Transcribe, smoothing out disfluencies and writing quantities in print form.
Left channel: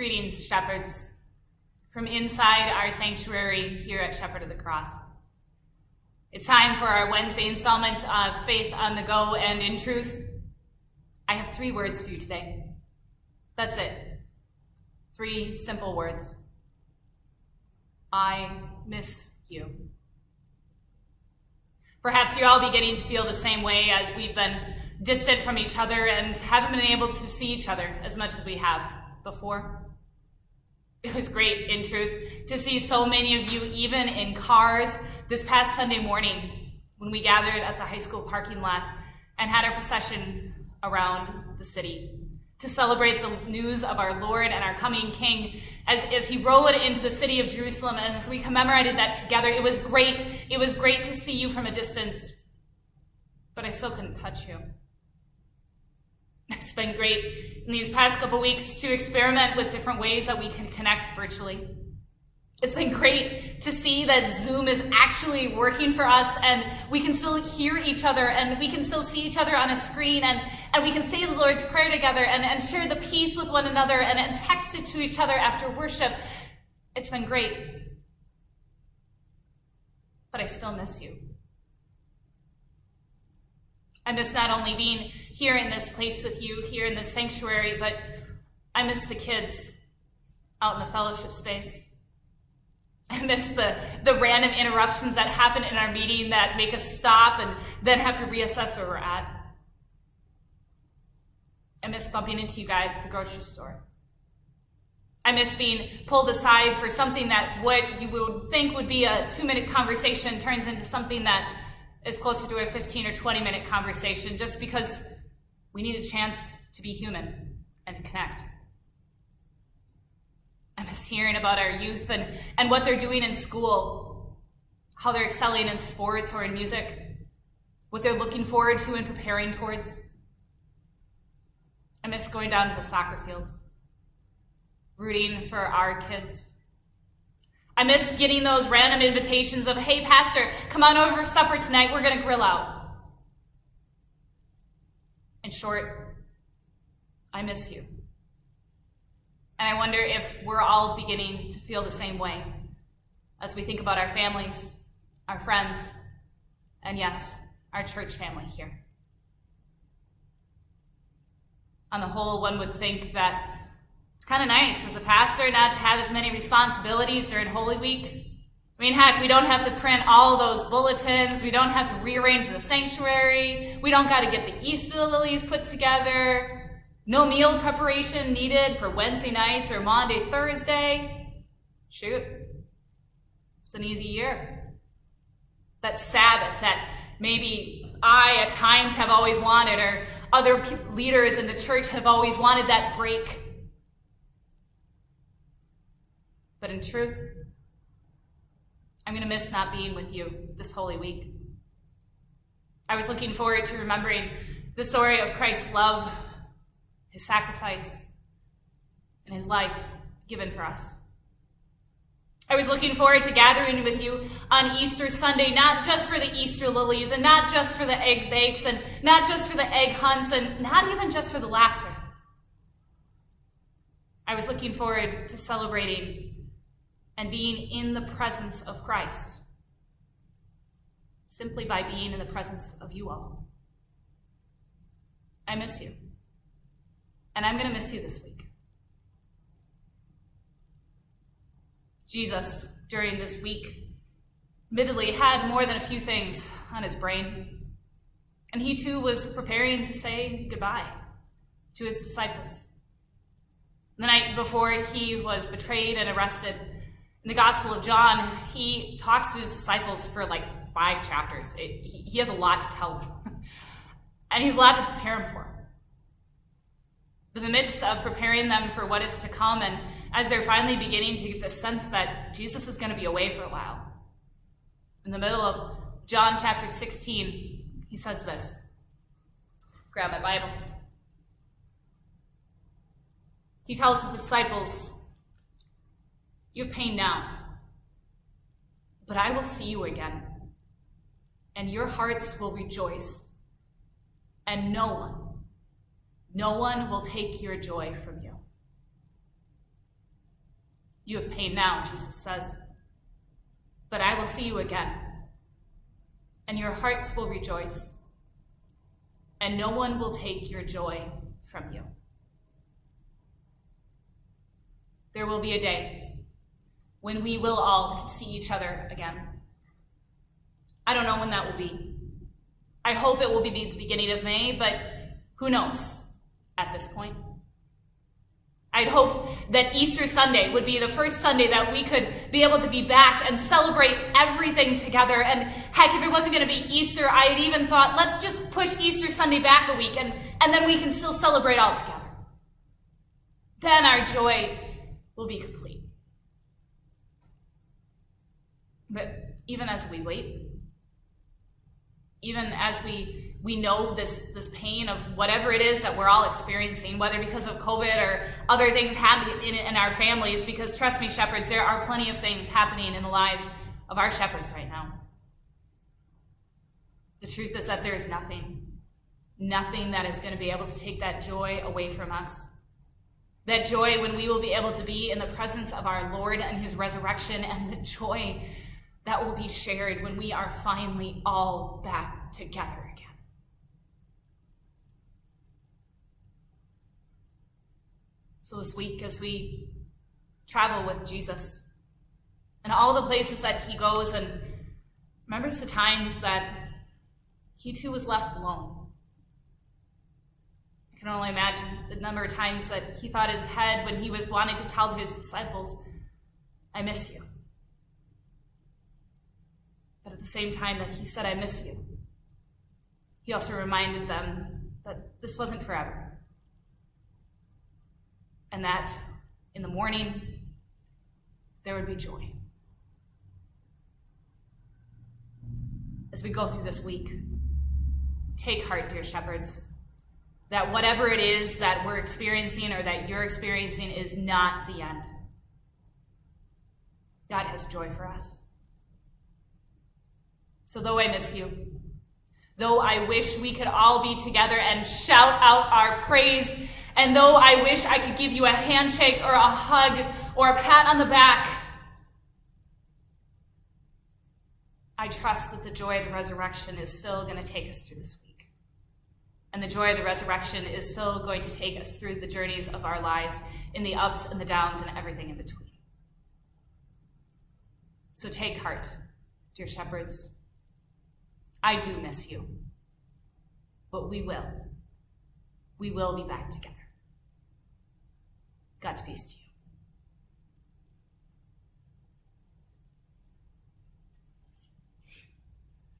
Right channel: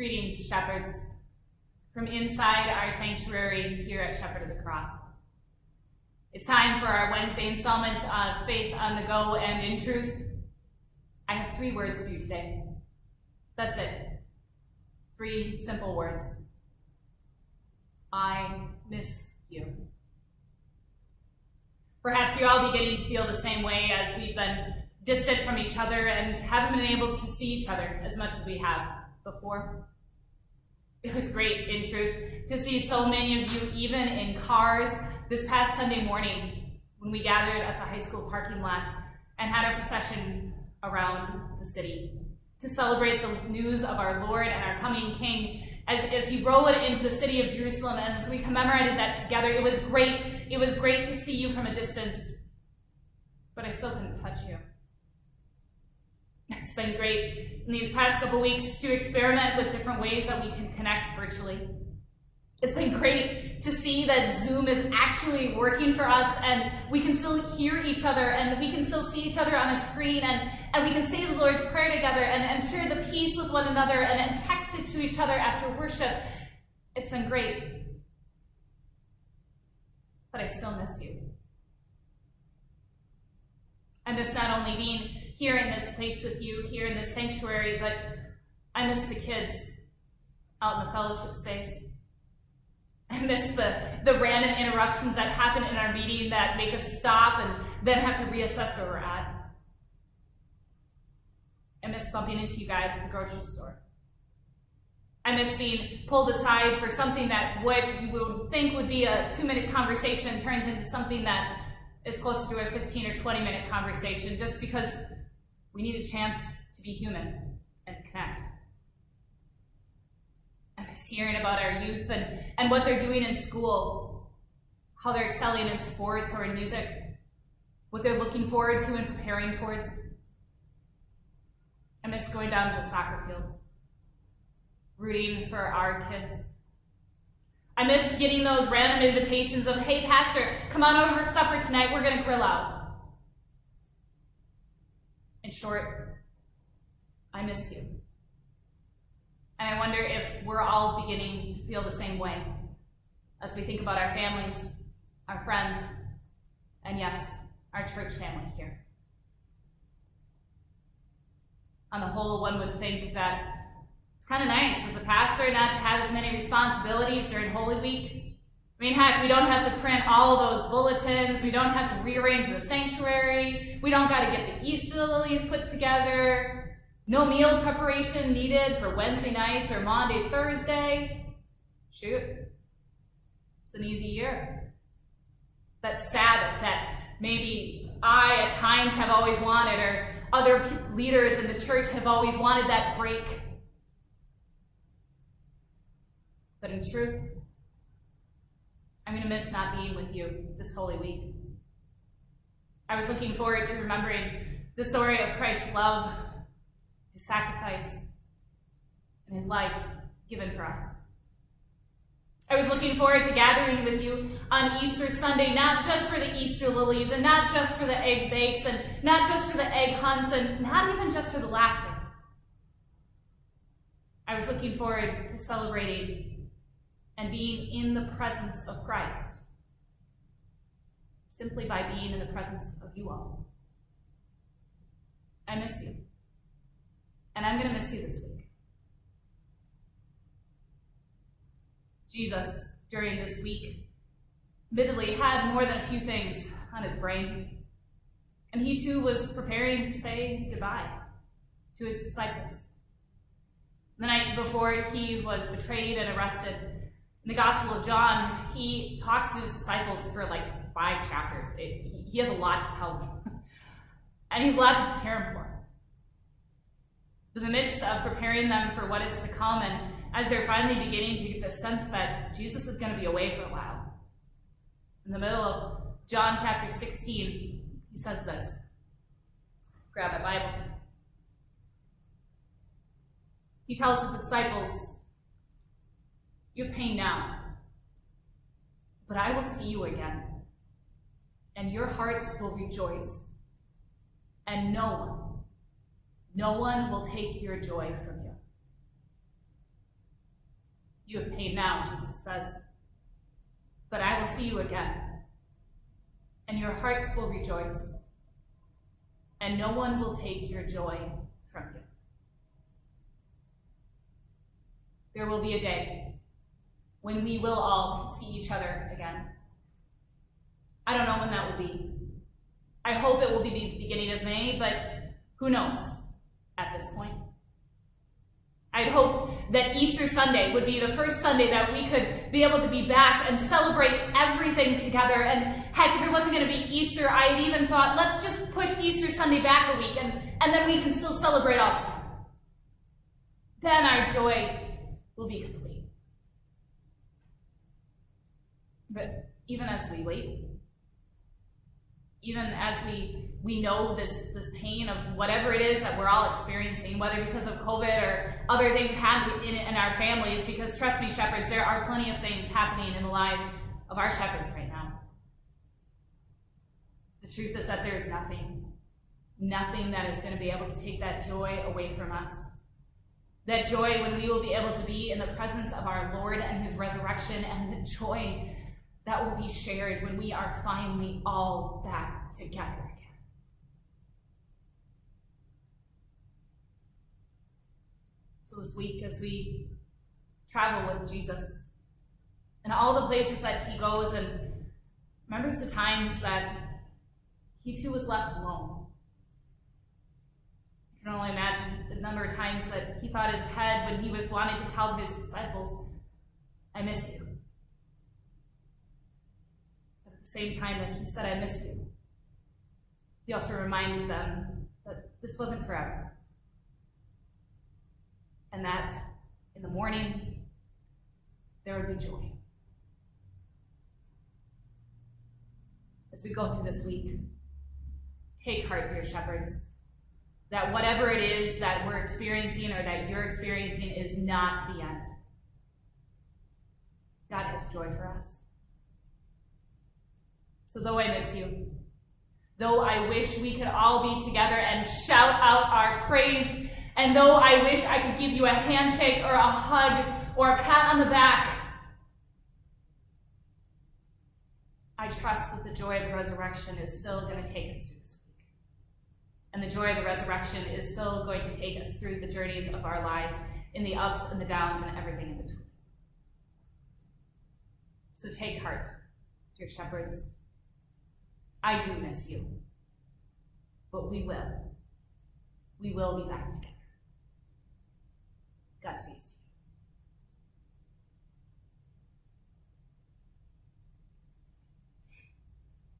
Greetings, shepherds, from inside our sanctuary here at Shepherd of the Cross. It's time for our Wednesday installment of Faith on the Go, and in truth, I have 3 words for you today. That's it. 3 simple words. I miss you. Perhaps you're all beginning to feel the same way as we've been distant from each other and haven't been able to see each other as much as we have before. It was great, in truth, to see so many of you, even in cars, this past Sunday morning when we gathered at the high school parking lot and had our procession around the city to celebrate the news of our Lord and our coming King as he rode into the city of Jerusalem. And as we commemorated that together, it was great. It was great to see you from a distance, but I still couldn't touch you. It's been great in these past couple weeks to experiment with different ways that we can connect virtually. It's been great to see that Zoom is actually working for us, and we can still hear each other, and we can still see each other on a screen, and we can say the Lord's Prayer together and share the peace with one another and text it to each other after worship. It's been great. But I still miss you. I miss not only being here in this place with you, here in this sanctuary, but I miss the kids out in the fellowship space. I miss the random interruptions that happen in our meeting that make us stop and then have to reassess where we're at. I miss bumping into you guys at the grocery store. I miss being pulled aside for something that what you would think would be a 2-minute conversation turns into something that is closer to a 15 or 20-minute conversation just because we need a chance to be human and to connect. I miss hearing about our youth and what they're doing in school, how they're excelling in sports or in music, what they're looking forward to and preparing towards. I miss going down to the soccer fields, rooting for our kids. I miss getting those random invitations of, hey, Pastor, come on over for supper tonight. We're going to grill out. In short, I miss you. And I wonder if we're all beginning to feel the same way as we think about our families, our friends, and yes, our church family here. On the whole, one would think that it's kind of nice as a pastor not to have as many responsibilities during Holy Week. I mean, heck, we don't have to print all those bulletins. We don't have to rearrange the sanctuary. We don't got to get the Easter lilies put together. No meal preparation needed for Wednesday nights or Monday, Thursday. Shoot, it's an easy year. That Sabbath that maybe I at times have always wanted, or other leaders in the church have always wanted, that break. But in truth, I'm going to miss not being with you this Holy Week. I was looking forward to remembering the story of Christ's love, his sacrifice, and his life given for us. I was looking forward to gathering with you on Easter Sunday, not just for the Easter lilies, and not just for the egg bakes, and not just for the egg hunts, and not even just for the laughter. I was looking forward to celebrating and being in the presence of Christ, simply by being in the presence of you all. I miss you. And I'm going to miss you this week. Jesus, during this week, admittedly had more than a few things on his brain. And he too was preparing to say goodbye to his disciples. The night before he was betrayed and arrested, in the Gospel of John, he talks to his disciples for like 5 chapters. He has a lot to tell them. And he's a lot to prepare them for. In the midst of preparing them for what is to come, and as they're finally beginning to get the sense that Jesus is going to be away for a while, in the middle of John chapter 16, he says this. Grab my Bible. He tells his disciples, "You have pain now, but I will see you again, and your hearts will rejoice, and no one will take your joy from you." You have pain now, Jesus says, but I will see you again, and your hearts will rejoice, and no one will take your joy from you. There will be a day when we will all see each other again. I don't know when that will be. I hope it will be the beginning of May, but who knows at this point. I'd hoped that Easter Sunday would be the first Sunday that we could be able to be back and celebrate everything together. And heck, if it wasn't going to be Easter, I had even thought, let's just push Easter Sunday back a week and then we can still celebrate all together. Then our joy will be complete. But even as we wait, even as we know this pain of whatever it is that we're all experiencing, whether because of COVID or other things happening in our families, because trust me, shepherds, there are plenty of things happening in the lives of our shepherds right now. The truth is that there is nothing that is going to be able to take that joy away from us. That joy when we will be able to be in the presence of our Lord and his resurrection, and the joy that will be shared when we are finally all back together again. So this week, as we travel with Jesus and all the places that he goes and remembers the times that he too was left alone. I can only imagine the number of times that he thought his head when he was wanting to tell his disciples, I miss you. But at the same time that he said, I miss you, he also reminded them that this wasn't forever. And that in the morning, there would be joy. As we go through this week, take heart, dear shepherds, that whatever it is that we're experiencing or that you're experiencing is not the end. God has joy for us. So though I miss you, though I wish we could all be together and shout out our praise, and though I wish I could give you a handshake or a hug or a pat on the back, I trust that the joy of the resurrection is still going to take us through this week. And the joy of the resurrection is still going to take us through the journeys of our lives, in the ups and the downs and everything in between. So take heart, dear shepherds. I do miss you, but we will. We will be back together. God's peace to you.